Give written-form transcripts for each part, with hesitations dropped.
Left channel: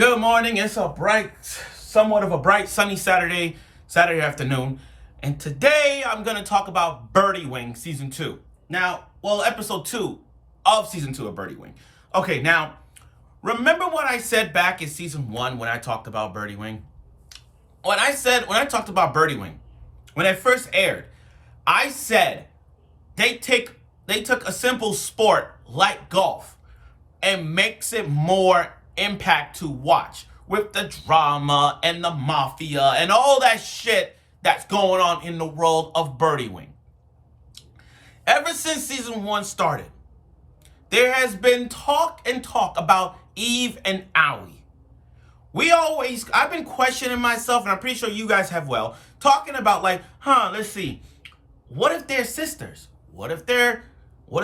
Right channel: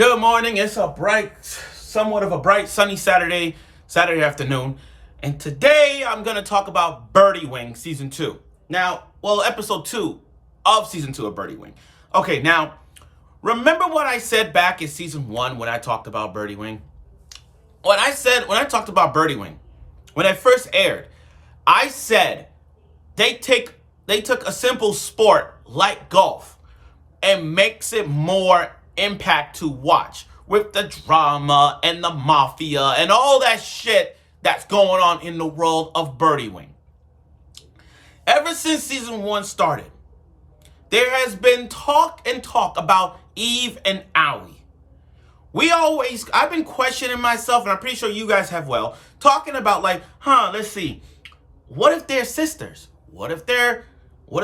Good morning. It's somewhat of a bright, sunny Saturday afternoon. And today I'm going to talk about Birdie Wing Season 2. Episode 2 of Season 2 of Birdie Wing. Okay, now, remember what I said back in Season 1 when I talked about Birdie Wing? When I talked about Birdie Wing, when it first aired, I said they took a simple sport like golf and makes it more impact to watch with the drama and the mafia and all that shit that's going on in the world of Birdie Wing. Ever since Season 1 started, there has been talk about Eve and Aoi. I've been questioning myself, and I'm pretty sure you guys have talking about let's see, what if they're sisters? What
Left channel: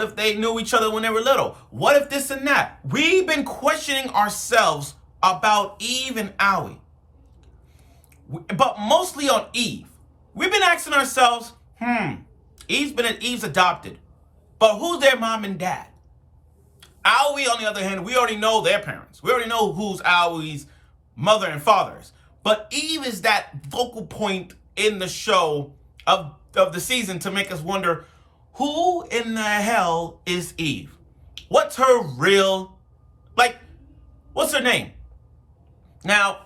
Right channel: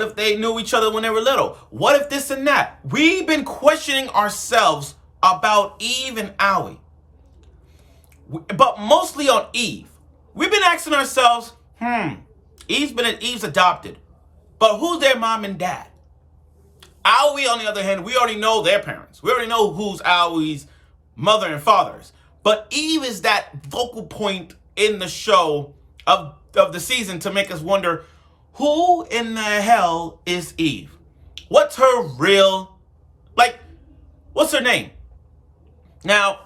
if they knew each other when they were little? What if this and that? We've been questioning ourselves about Eve and Aoi. But mostly on Eve. We've been asking ourselves, Eve's adopted. But who's their mom and dad? Aoi, on the other hand, we already know their parents. We already know who's Aoi's mother and fathers. But Eve is that focal point in the show of the season to make us wonder, who in the hell is Eve? What's her what's her name? Now,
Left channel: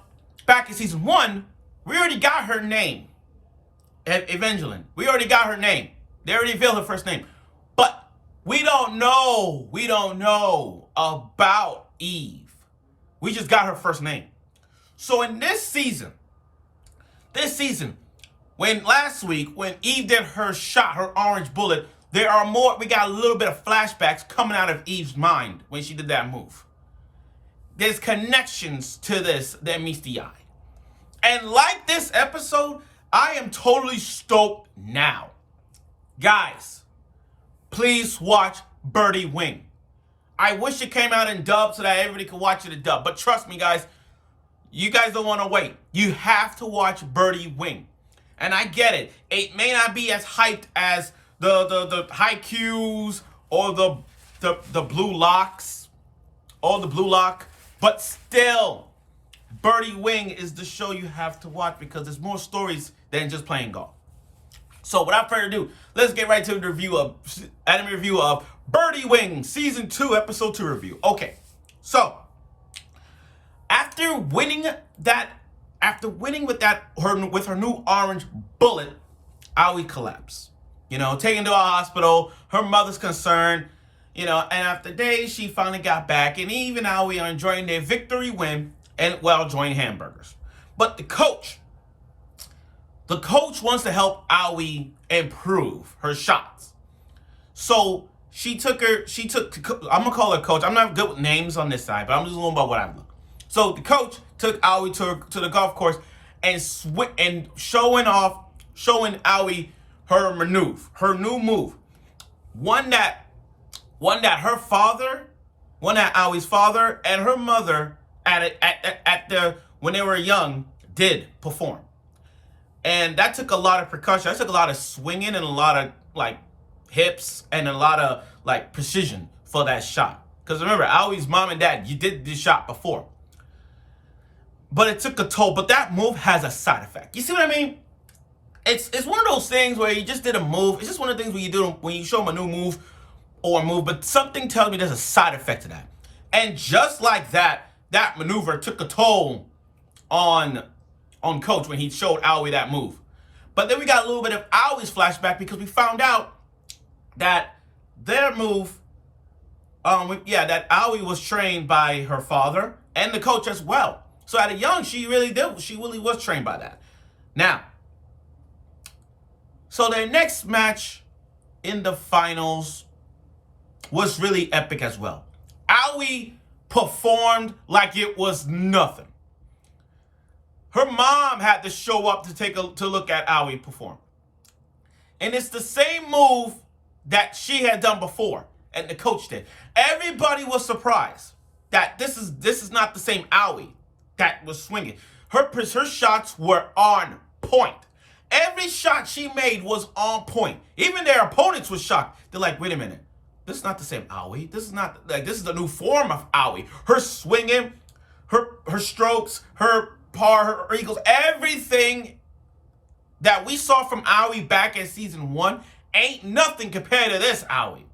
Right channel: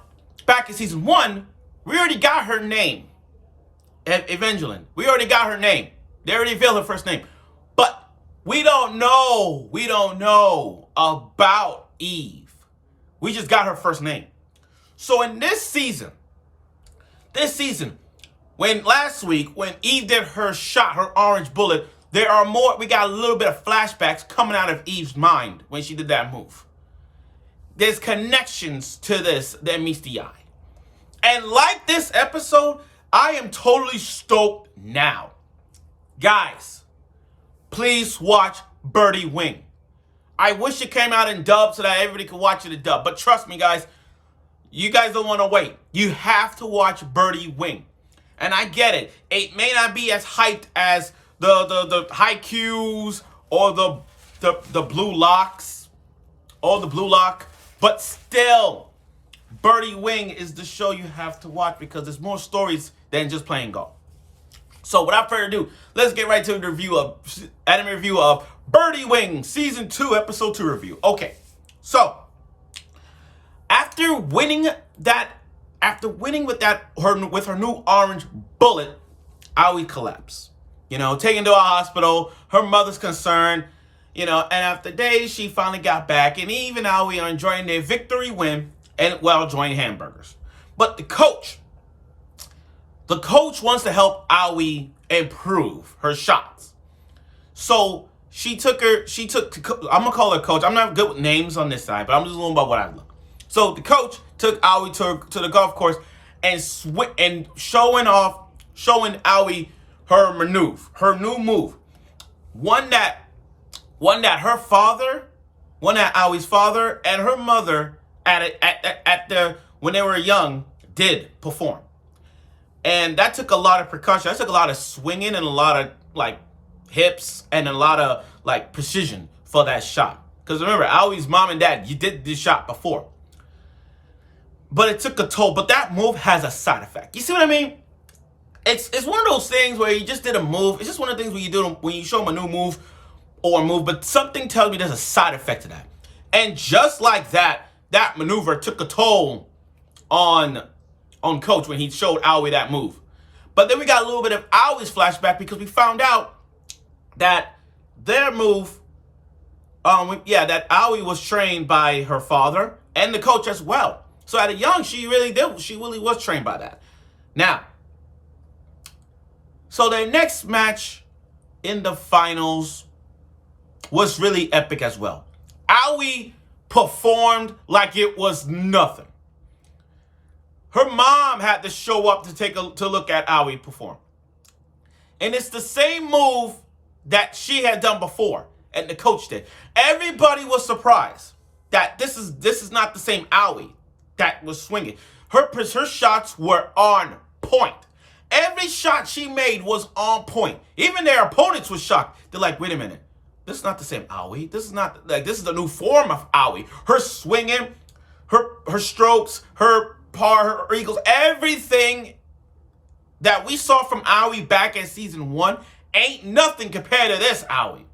back in Season 1, we already got her name. Evangeline. We already got her name. They already revealed her first name. But we don't know about Eve. We just got her first name. So in this season, last week, when Eve did her shot, her orange bullet, we got a little bit of flashbacks coming out of Eve's mind when she did that move. There's connections to this that meets the eye. And like this episode, I am totally stoked now. Guys, please watch Birdie Wing. I wish it came out in dub so that everybody could watch it in dub. But trust me, guys, you guys don't want to wait. You have to watch Birdie Wing. And I get it. It may not be as hyped as the Haikyuus or the Blue Locks or the Blue Lock, but still, Birdie Wing is the show you have to watch because there's more stories than just playing golf. So without further ado, let's get right to the anime review of Birdie Wing Season 2 Episode 2 review. Okay, so after winning with her new orange bullet, Aoi collapsed. Taken to a hospital. Her mother's concerned. And after days, she finally got back. And Eve and Aoi are enjoying their victory win and, enjoying hamburgers. I'm going to help Aoi improve her shots. So I'm going to call her coach. I'm not good with names on this side, but I'm just going by what I look. So the coach took Aoi to the golf course and showing Aoi her new move. One that Aoi's father and her mother when they were young did perform. And that took a lot of percussion. That took a lot of swinging and a lot of hips and a lot of precision for that shot. Because remember, Aoi's mom and dad, you did this shot before. But it took a toll. But that move has a side effect. You see what I mean? It's one of those things where you just did a move. It's just one of the things when you show them a new move or a move, but something tells me there's a side effect to that. And just like that maneuver took a toll on Coach when he showed Aoi that move. But then we got a little bit of Aoi's flashback because we found out that their move, that Aoi was trained by her father and the coach as well. So at a young, she really was trained by that. Now, so their next match in the finals was really epic as well. Aoi performed like it was nothing. Her mom had to show up to look at Aoi perform. And it's the same move that she had done before and the coach did. Everybody was surprised that this is not the same Aoi that was swinging. Her shots were on point. Every shot she made was on point. Even their opponents were shocked. They're like, wait a minute. This is not the same Aoi. This is a new form of Aoi. Her swinging, her strokes, her par, her eagles, everything that we saw from Aoi back in season 1 ain't nothing compared to this Aoi.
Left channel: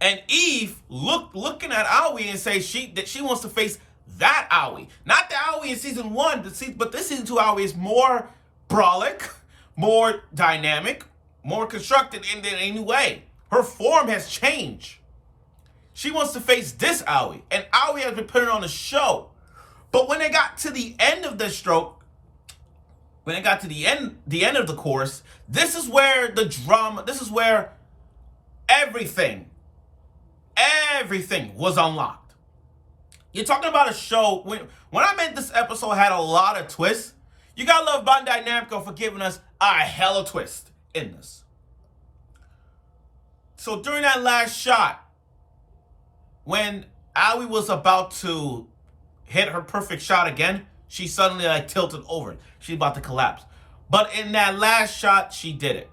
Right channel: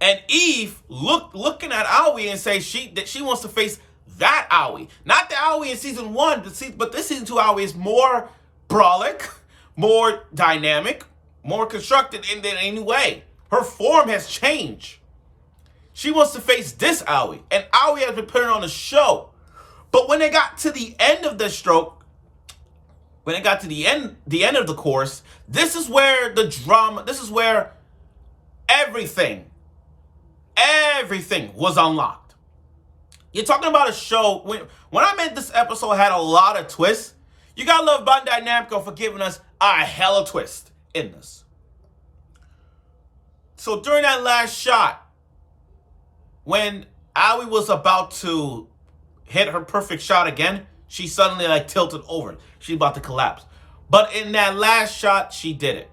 And Eve looking at Aoi and say that she wants to face that Aoi. Not the Aoi in season 1, but this season 2 Aoi is more brolic, more dynamic, more constructed in any way. Her form has changed. She wants to face this Aoi, and Aoi has been putting on a show. But when they got to the end of the stroke, when it got to the end of the course, this is where the drama, this is where everything was unlocked. You're talking about a show, when I meant this episode had a lot of twists, you gotta love Bandai Namco for giving us a hella twist in this. So during that last shot, when Aoi was about to hit her perfect shot again, she suddenly tilted over. She's about to collapse. But in that last shot, she did it.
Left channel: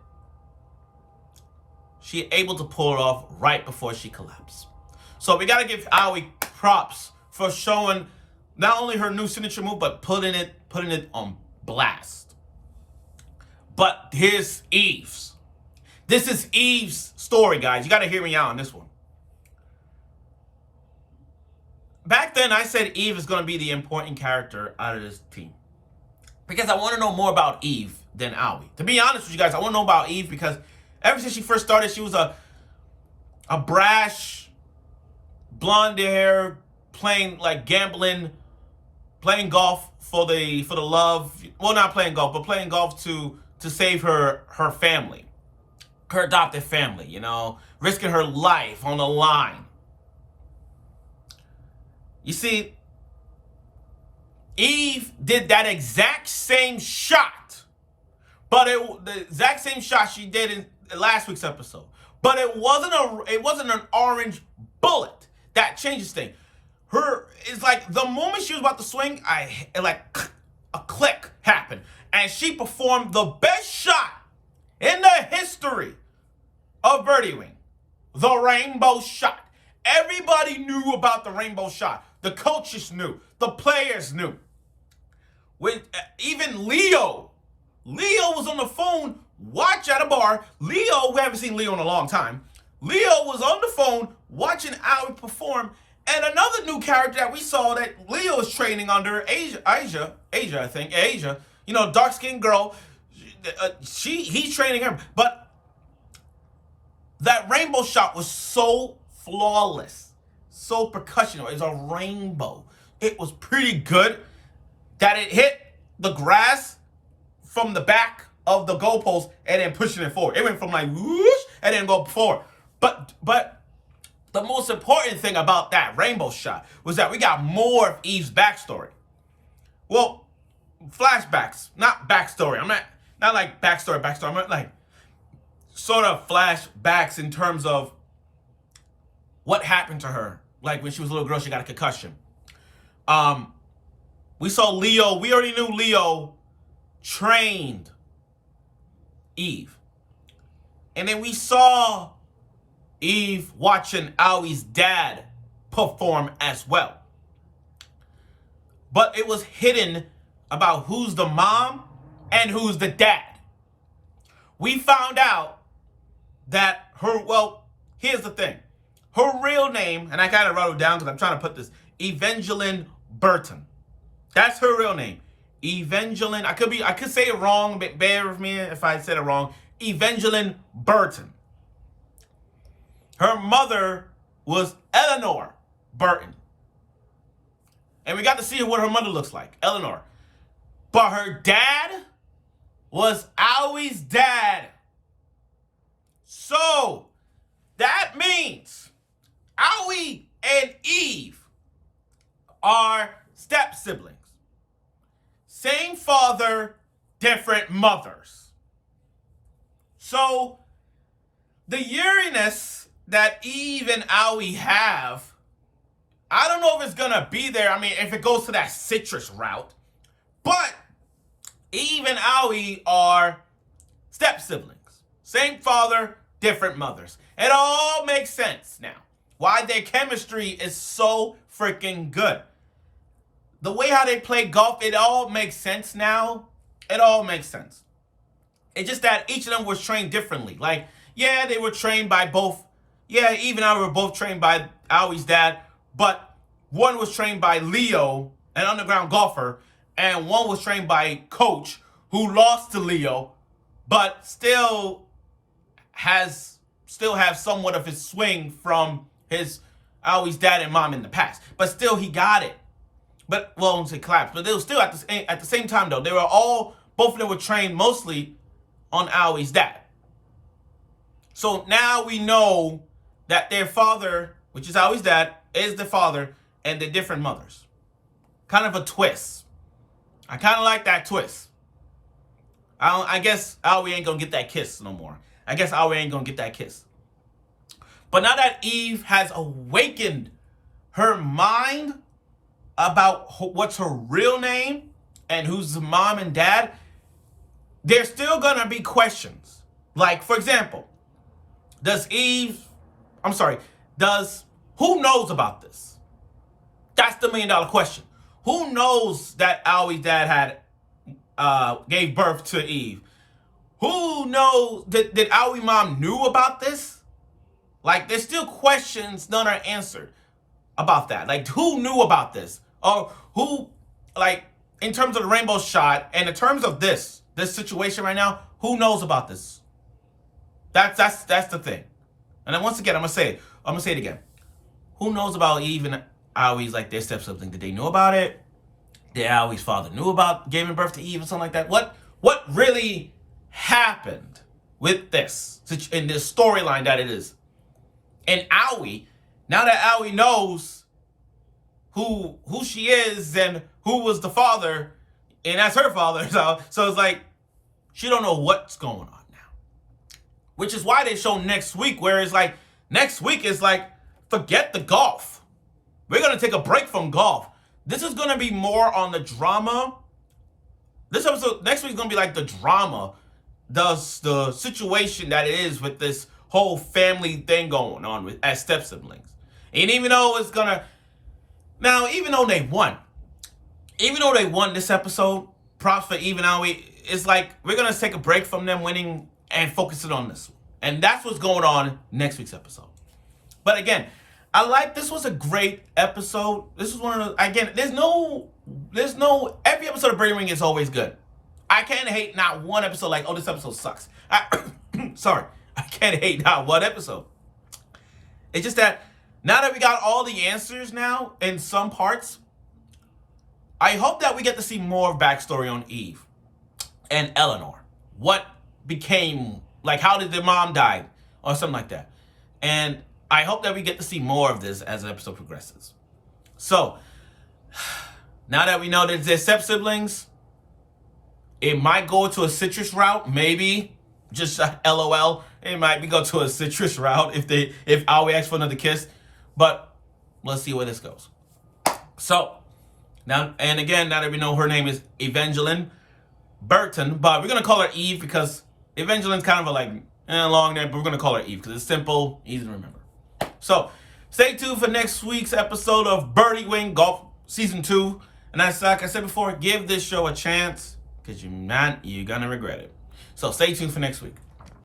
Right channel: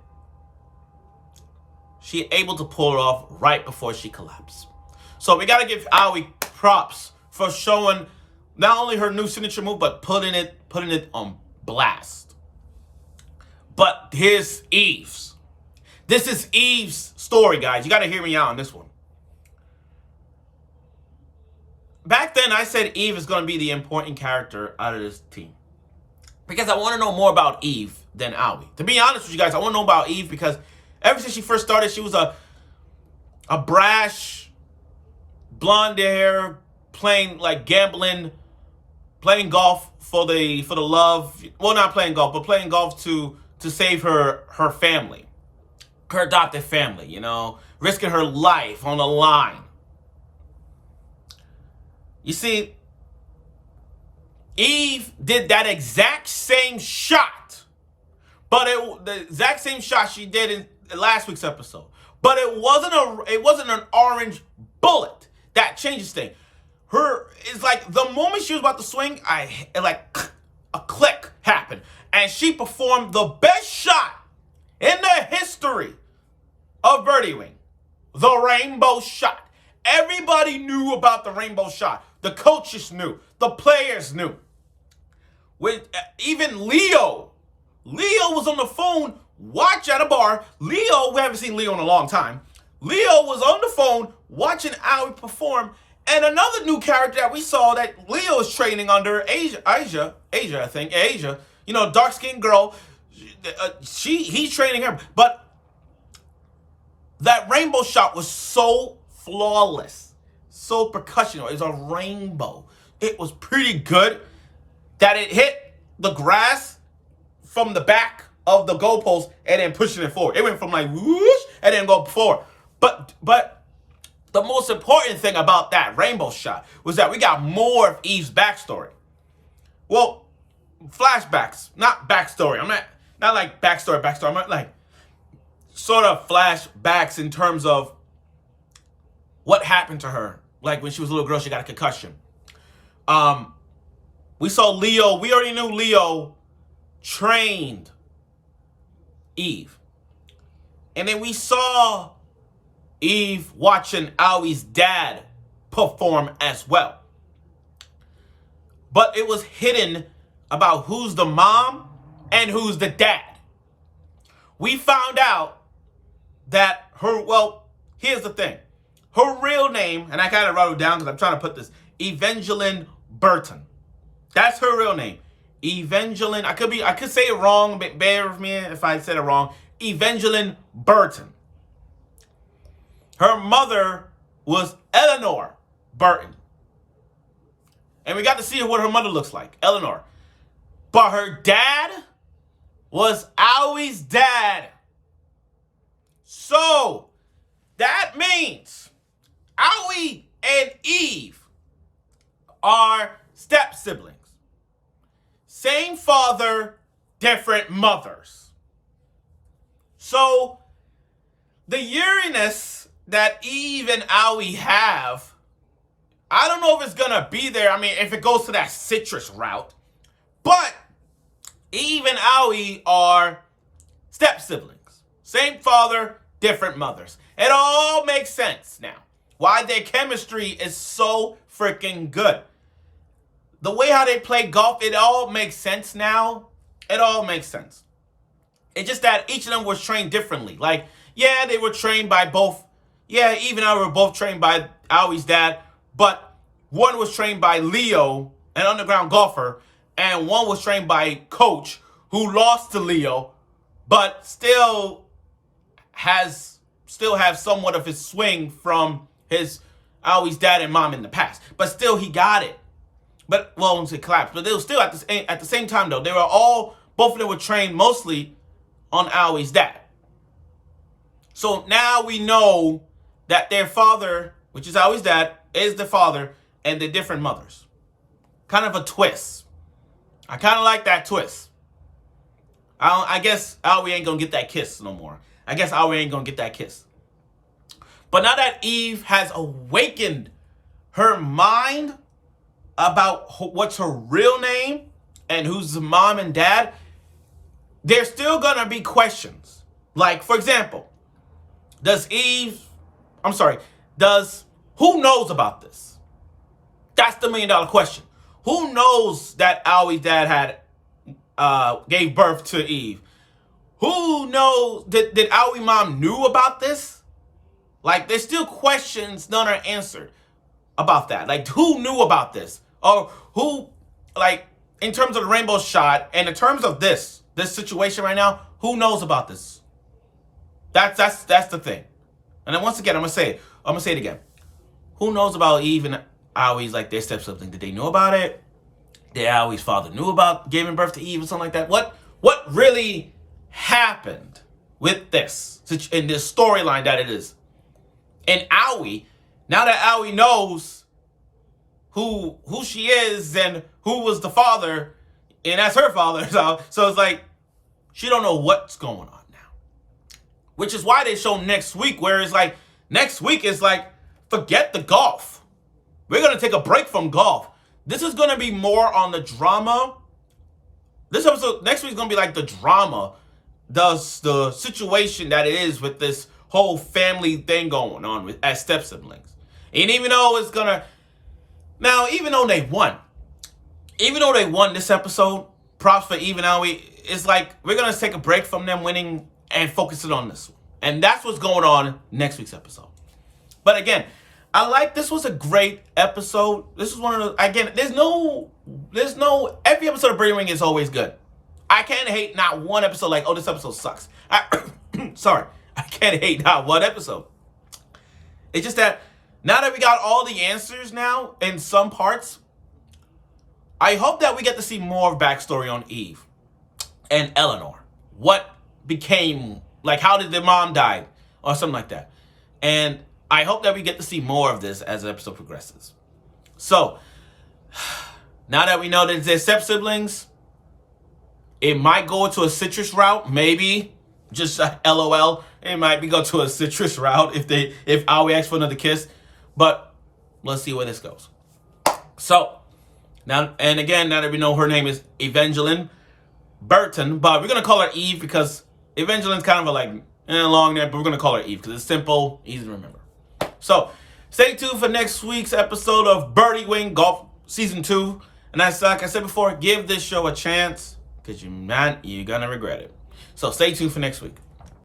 She able to pull it off right before she collapsed. So we got to give Aoi props for showing not only her new signature move, but putting it on blast. But here's Eve's. This is Eve's story, guys. You got to hear me out on this one. Back then, I said Eve is going to be the important character out of this team. Because I want to know more about Eve than Aoi. To be honest with you guys, I want to know about Eve because ever since she first started, she was a brash, blonde hair, playing gambling, playing golf for the love. Well, not playing golf, but playing golf to save her family, her adopted family. Risking her life on the line. You see, Eve did that exact same shot, but the exact same shot she did in last week's episode. But it wasn't an orange bullet that changes things. It's like the moment she was about to swing, a click happened, and she performed the best shot in the history of Birdie Wing, the rainbow shot. Everybody knew about the rainbow shot. The coaches knew. The players knew. Even Leo was on the phone, watch at a bar. Leo, we haven't seen Leo in a long time. Leo was on the phone watching Aoi perform. And another new character that we saw that Leo is training under, Asia, dark-skinned girl. He's training her. But that rainbow shot was so flawless. So percussional. It's a rainbow. It was pretty good that it hit the grass from the back of the goalpost and then pushing it forward. It went from whoosh and then go forward. But the most important thing about that rainbow shot was that we got more of Eve's backstory. Well, flashbacks, not backstory. I'm not like backstory. I'm sort of flashbacks in terms of what happened to her. Like when she was a little girl, she got a concussion. We saw Leo. We already knew Leo trained Eve. And then we saw Eve watching Aoi's dad perform as well. But it was hidden about who's the mom and who's the dad. We found out that here's the thing. Her real name, and I kind of wrote it down because I'm trying to put this, Evangeline Burton. That's her real name. Evangeline, I could say it wrong, but bear with me if I said it wrong. Evangeline Burton. Her mother was Eleanor Burton. And we got to see what her mother looks like, Eleanor. But her dad was Aoi's dad. So, that means Aoi and Eve are step siblings. Same father, different mothers. So, the Uranus that Eve and Aoi have, I don't know if it's going to be there. I mean, if it goes to that citrus route. But Eve and Aoi are step siblings. Same father, different mothers. It all makes sense now. Why their chemistry is so freaking good. the way how they play golf, it all makes sense now. It all makes sense. It's just that each of them was trained differently. Like, yeah, they were trained by both. Yeah, Eve and I were both trained by Aoi's dad, but one was trained by Leo, an underground golfer, and one was trained by Coach, who lost to Leo, but still has somewhat of his swing from his Aoi's dad and mom in the past. But still, he got it. But, well, I won't say collapsed, but they were still at the same time, though. They were both of them were trained mostly on Aoi's dad. So now we know that their father, which is Aoi's dad, is the father, and they're different mothers. Kind of a twist. I kind of like that twist. I guess Aoi ain't gonna get that kiss no more. I guess Aoi ain't gonna get that kiss. But now that Eve has awakened her mind about what's her real name and who's the mom and dad, there's still gonna be questions. Like, for example, who knows about this? That's the $1 million question. Who knows that Aoi's dad gave birth to Eve? Who knows, did Aoi mom knew about this? Like, there's still questions none are answered about that. Like, who knew about this? Or who, like, in terms of the rainbow shot and in terms of this situation right now, who knows about this? That's the thing. And then once again, I'm gonna say it again. Who knows about Eve and Aoi's, like, their step-sibling? Did they know about it? Did Aoi's father knew about giving birth to Eve or something like that? What really happened with this in this storyline that it is? And Aoi, now that Aoi knows who she is and who was the father, and that's her father, so it's like she don't know what's going on now. Which is why they show next week, where it's like next week is like, forget the golf. We're gonna take a break from golf. This is gonna be more on the drama. This episode next week is gonna be like the drama, the situation that it is with this whole family thing going on with as step siblings. And even though they won this episode, props for Eve and Aoi. It's like we're gonna take a break from them winning and focus it on this one. And that's what's going on next week's episode. But again, this was a great episode. This was one of the, again, there's no, every episode of Birdie Wing is always good. I can't hate not one episode like, oh, this episode sucks. Sorry. I can't hate not one episode. It's just that now that we got all the answers now in some parts, I hope that we get to see more backstory on Eve and Eleanor. What became, like, how did their mom die or something like that. And I hope that we get to see more of this as the episode progresses. So, now that we know that they're step-siblings, it might go to a citrus route, maybe. Just LOL. It might go to a citrus route if Aoi asks for another kiss. But let's see where this goes. So, now that we know her name is Evangeline Burton, but we're going to call her Eve because Evangeline's kind of a long name, but we're going to call her Eve because it's simple, easy to remember. So, stay tuned for next week's episode of Birdie Wing Golf Season 2. And like I said before, give this show a chance because you're going to regret it. So, stay tuned for next week.